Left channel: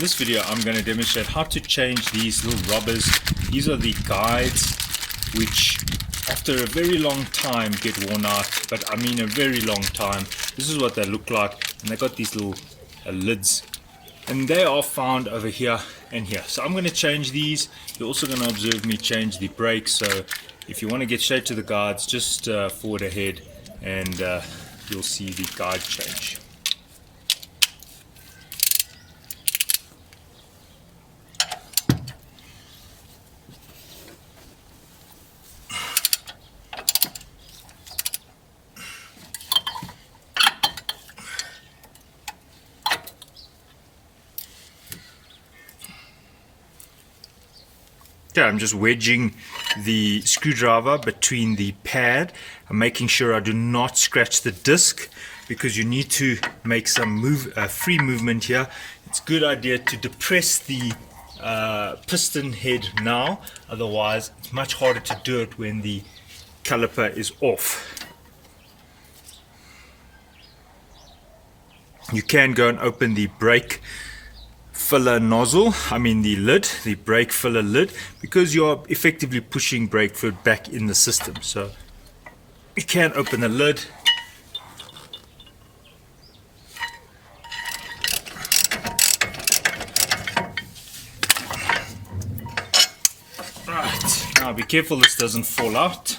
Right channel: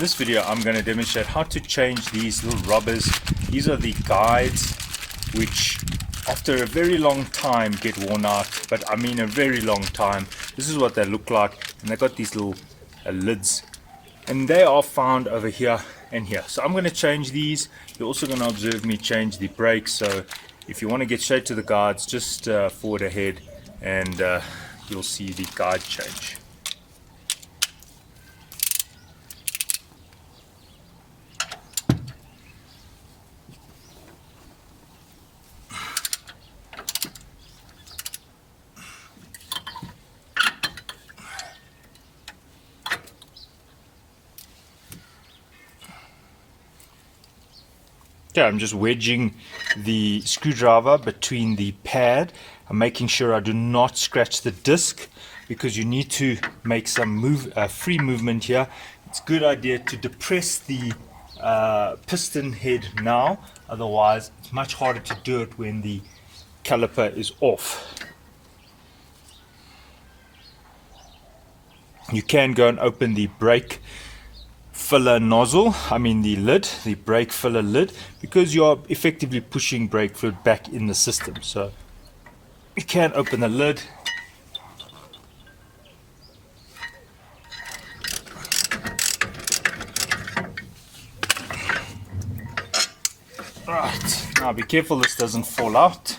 this video I'm going to demonstrate how to change these little rubbers. These are the guides which after a very long time get worn out, but I mean a very long time. This is what they look like, and they've got these little lids, and they are found over here and here. So I'm going to change these. You're also going to observe me change the brakes, so if you want to get straight to the guides, just forward ahead and you'll see the guide change. Okay, I'm just wedging the screwdriver between the pad. I'm making sure I do not scratch the disc, because you need to make some free movement here. It's a good idea to depress the piston head now, otherwise it's much harder to do it when the caliper is off. You can go and open the brake filler nozzle, the lid, the brake filler lid, because you're effectively pushing brake fluid back in the system. So you can open the lid. Right, now be careful this doesn't fall out.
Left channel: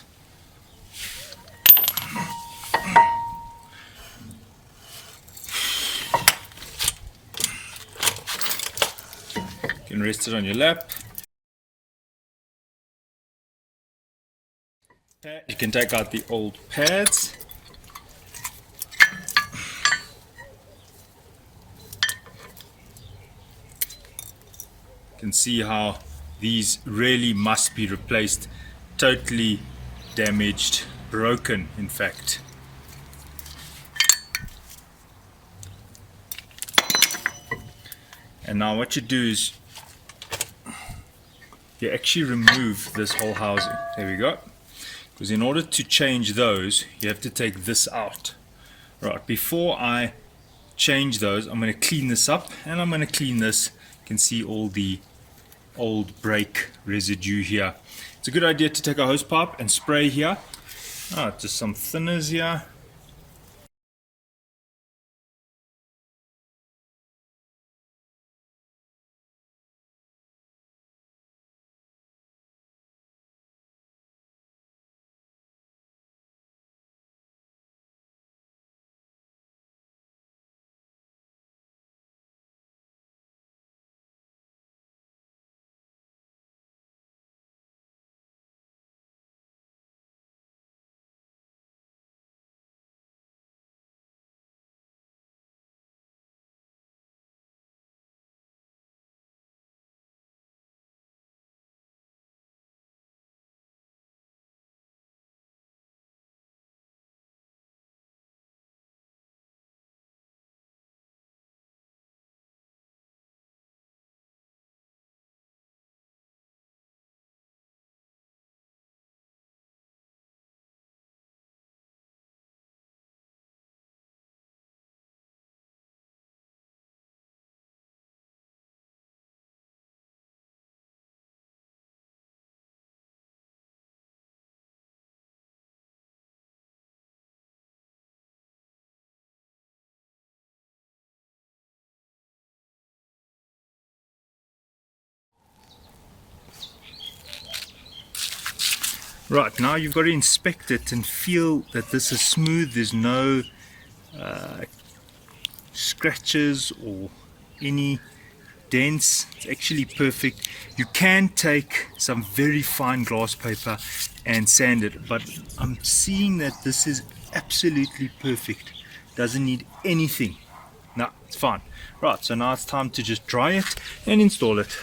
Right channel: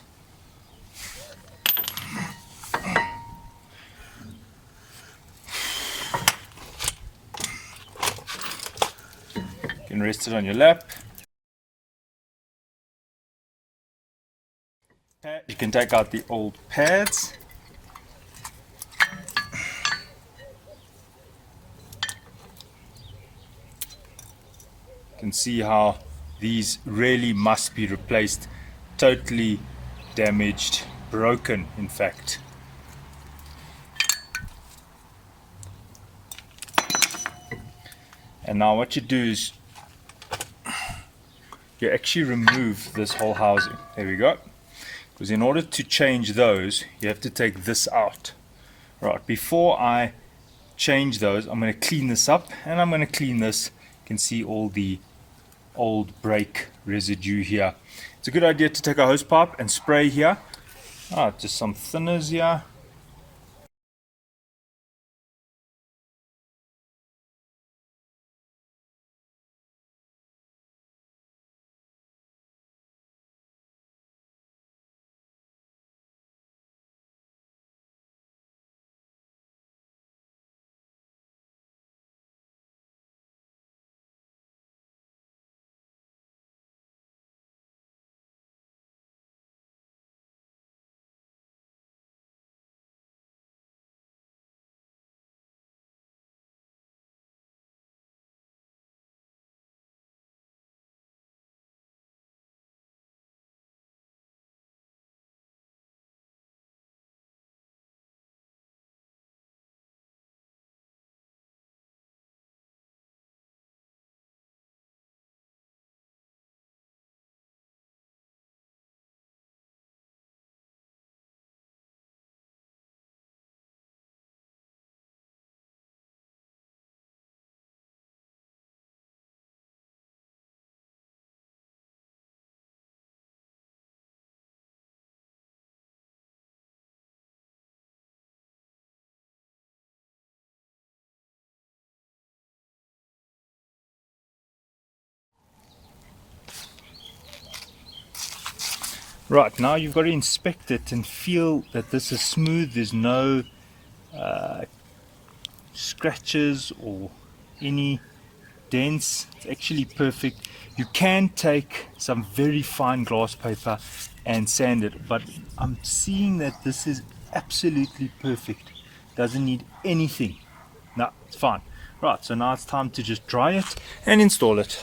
You can rest it on your lap. You can take out the old pads. You can see how these really must be replaced. Totally damaged, broken in fact. And now what you do is you actually remove this whole housing. There we go. Because in order to change those, you have to take this out. Right, before I change those, I'm going to clean this up, and I'm going to clean this. You can see all the old brake residue here. It's a good idea to take a hose pipe and spray here. Just some thinners here. Right, now you've got to inspect it and feel that this is smooth. There's no scratches or any dents. It's actually perfect. You can take some very fine glass paper and sand it, but I'm seeing that this is absolutely perfect. Doesn't need anything. No, it's fine. Right, so now it's time to just dry it and install it.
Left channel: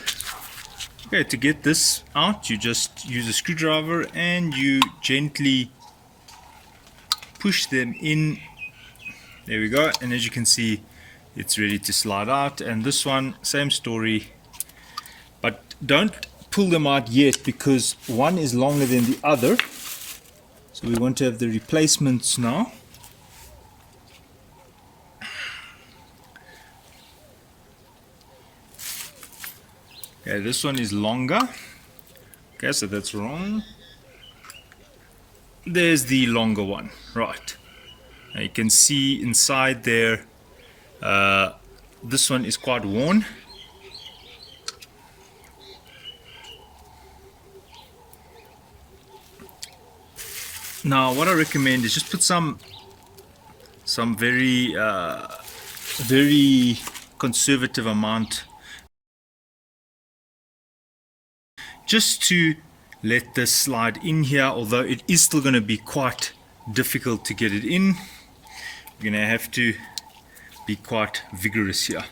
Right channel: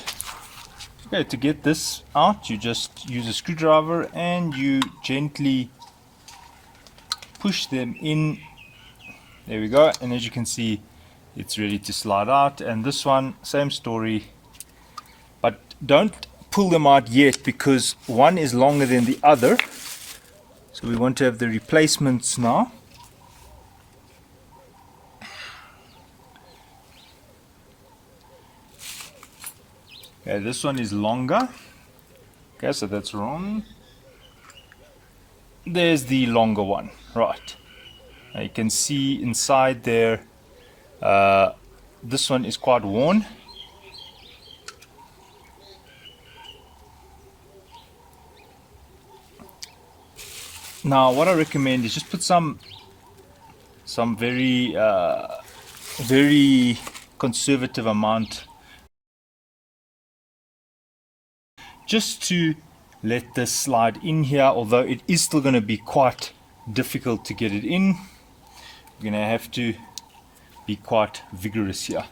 Okay, to get this out, you just use a screwdriver and you gently push them in. There we go, and as you can see, it's ready to slide out. And this one, same story, but don't pull them out yet, because one is longer than the other. So we want to have the replacements now. Okay, this one is longer. Okay, so that's wrong. There's the longer one. Right. Now you can see inside there, this one is quite worn. Now what I recommend is just put some very very conservative amount, just to let this slide in here, although it is still going to be quite difficult to get it in. You're going to have to be quite vigorous here.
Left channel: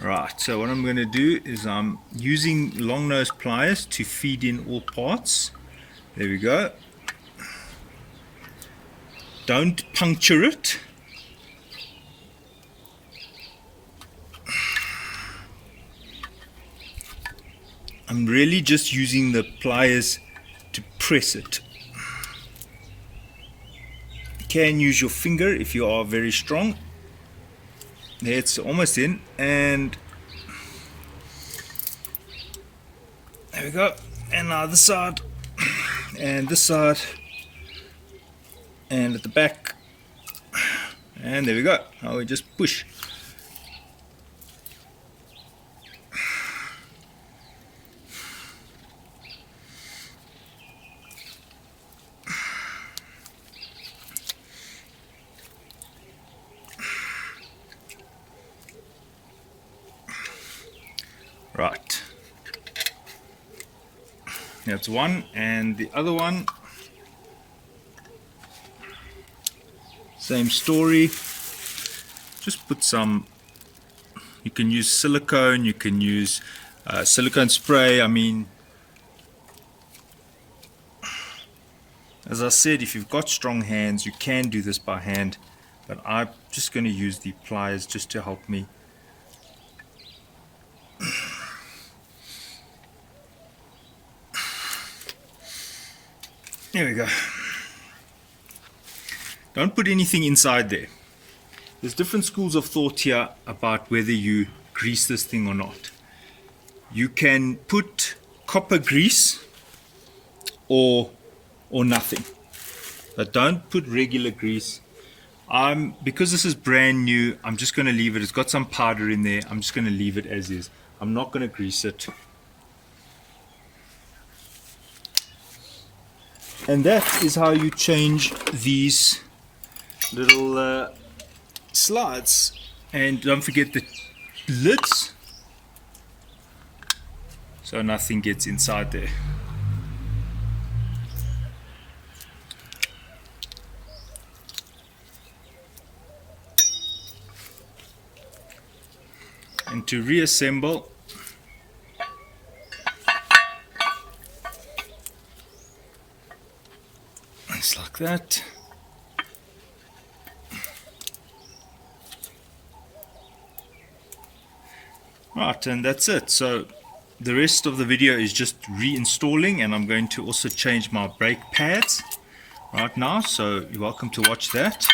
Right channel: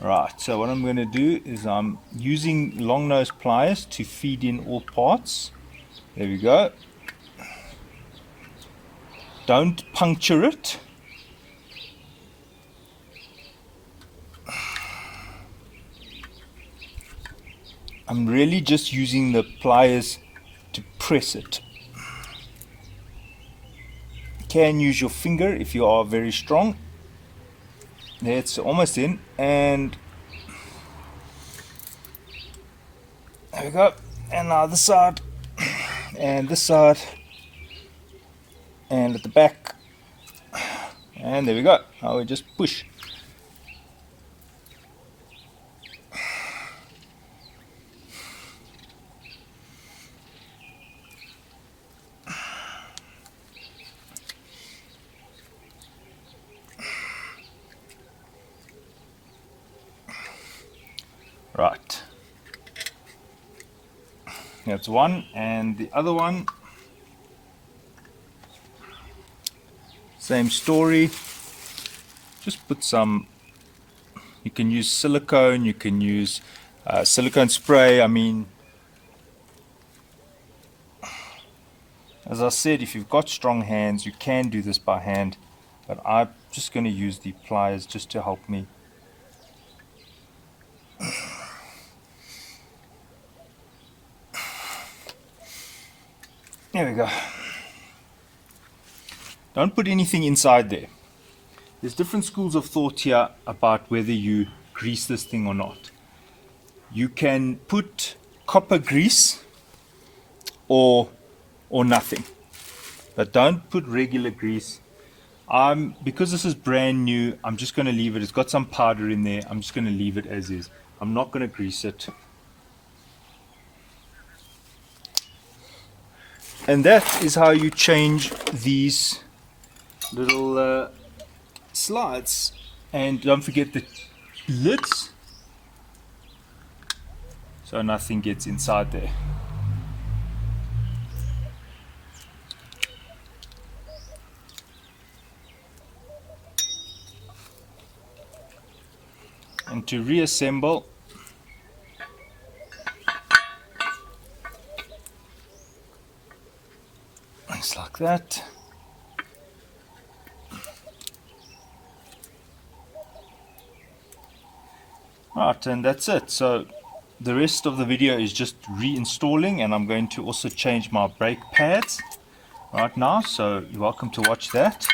Right, so what I'm going to do is I'm using long nose pliers to feed in all parts. There we go. Don't puncture it. I'm really just using the pliers to press it. You can use your finger if you are very strong. There, it's almost in, and there we go. And now this side, and this side, and at the back, and there we go. Now we just push. Right, that's one, and the other one, same story. Just put some, you can use silicone, you can use silicone spray. I mean, as I said, if you've got strong hands, you can do this by hand, but I'm just going to use the pliers just to help me. There we go. Don't put anything inside there. There's different schools of thought here about whether you grease this thing or not. You can put copper grease or nothing, but don't put regular grease. Because this is brand new, I'm just going to leave it. It's got some powder in there. I'm just going to leave it as is. I'm not going to grease it. And that is how you change these little slides. And don't forget the lids, so nothing gets inside there. And to reassemble, it's like that. Right, and that's it. So the rest of the video is just reinstalling, and I'm going to also change my brake pads right now, so you're welcome to watch that.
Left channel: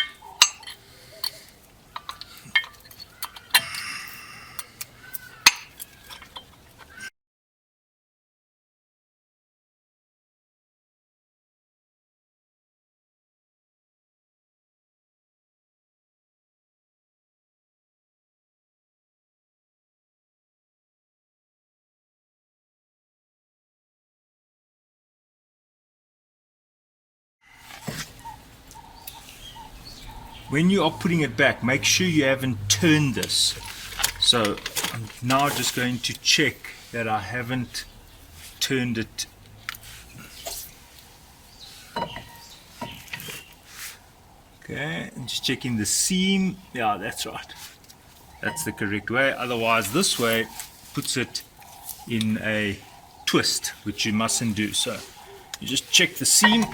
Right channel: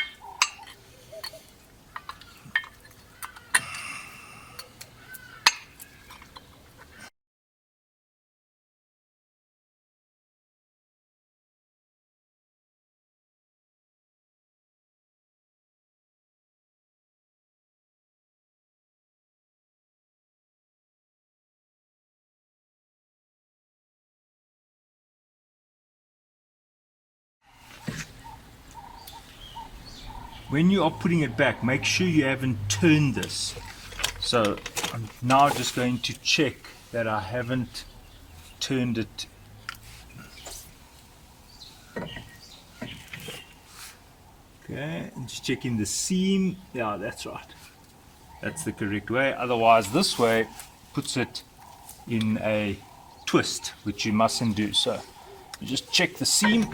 When you are putting it back, make sure you haven't turned this. So I'm now just going to check that I haven't turned it. Okay, and just checking the seam. Yeah, that's right. That's the correct way. Otherwise, this way puts it in a twist, which you mustn't do. So you just check the seam.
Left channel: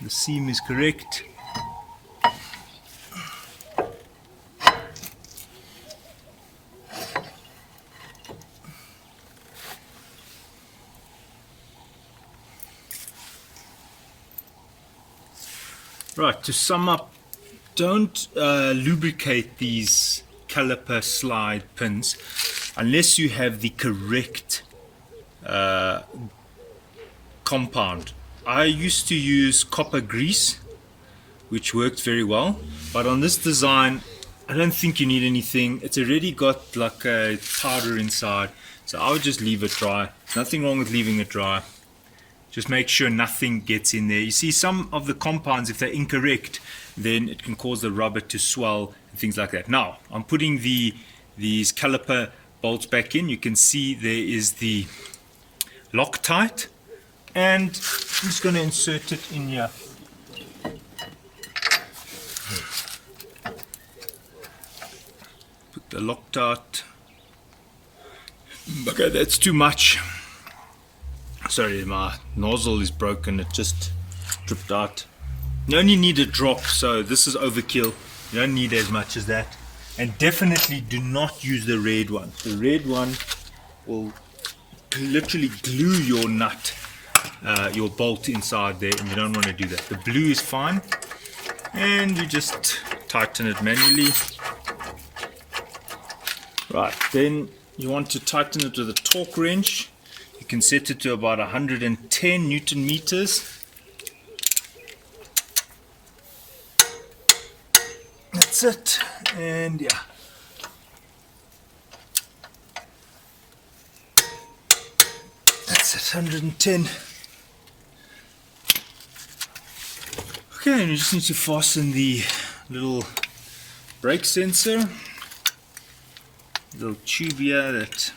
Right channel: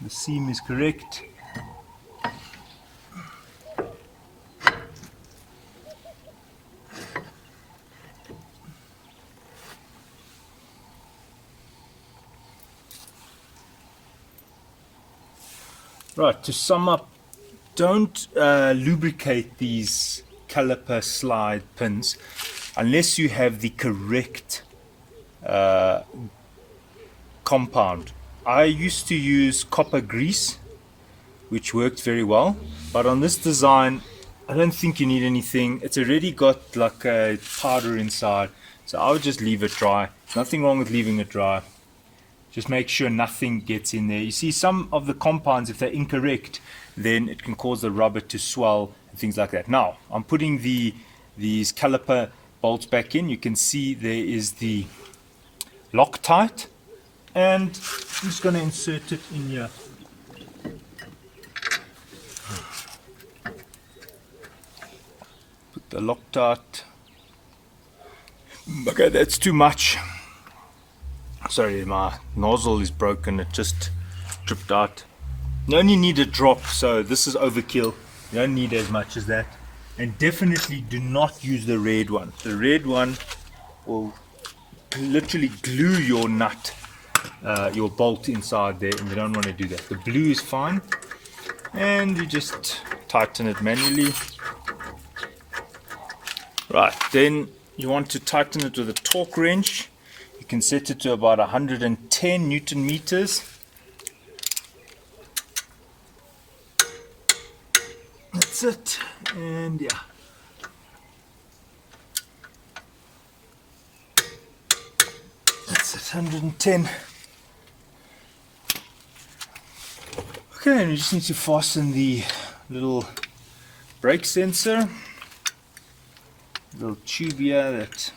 The seam is correct. Right, to sum up, don't lubricate these caliper slide pins unless you have the correct compound. I used to use copper grease, which worked very well, but on this design I don't think you need anything. It's already got like a powder inside, so I would just leave it dry. Nothing wrong with leaving it dry. Just make sure nothing gets in there. You see, some of the compounds, if they're incorrect, then it can cause the rubber to swell and things like that. Now I'm putting these caliper bolts back in. You can see there is the Loctite, and I'm just going to insert it in here. Put the Loctite. Okay, that's too much. Sorry, my nozzle is broken. It just dripped out. You only need a drop, so this is overkill. You don't need as much as that. And definitely do not use the red one. The red one will literally glue your nut, your bolt inside there, and you don't want to do that. The blue is fine, and you just tighten it manually. Right, then you want to tighten it with a torque wrench. You can set it to about 110 Newton meters. That's it, and yeah. That's it, 110. Okay, and you just need to fasten the little brake sensor, little tube here that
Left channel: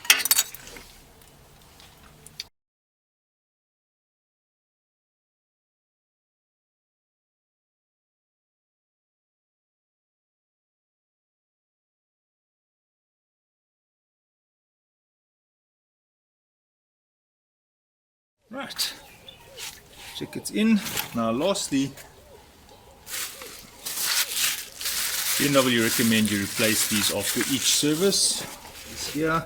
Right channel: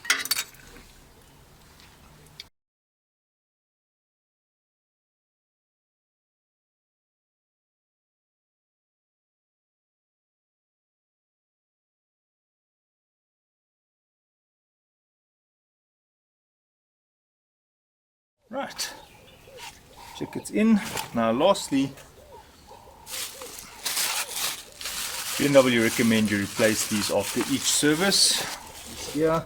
right, check it's in. Now lastly, BMW recommend you replace these after each service. This here,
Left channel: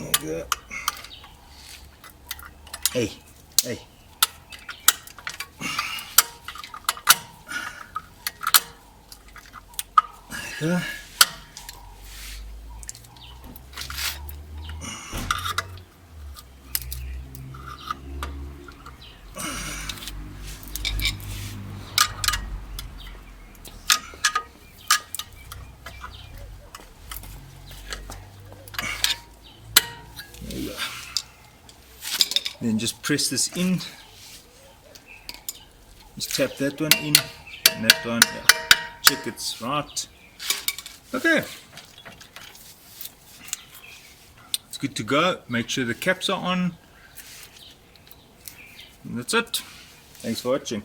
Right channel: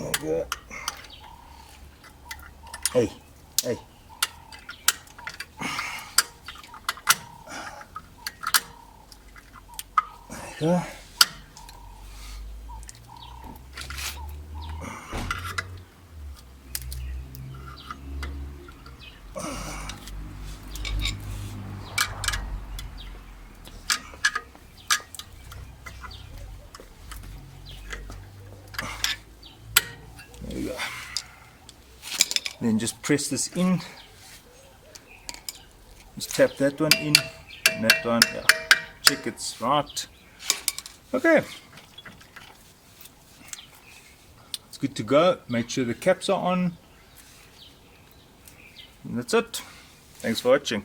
like that. Hey, hey. Like that. Then just press this in. Just tap that one in and that one. Yeah. Check it's right. Okay. It's good to go. Make sure the caps are on. And that's it. Thanks for watching.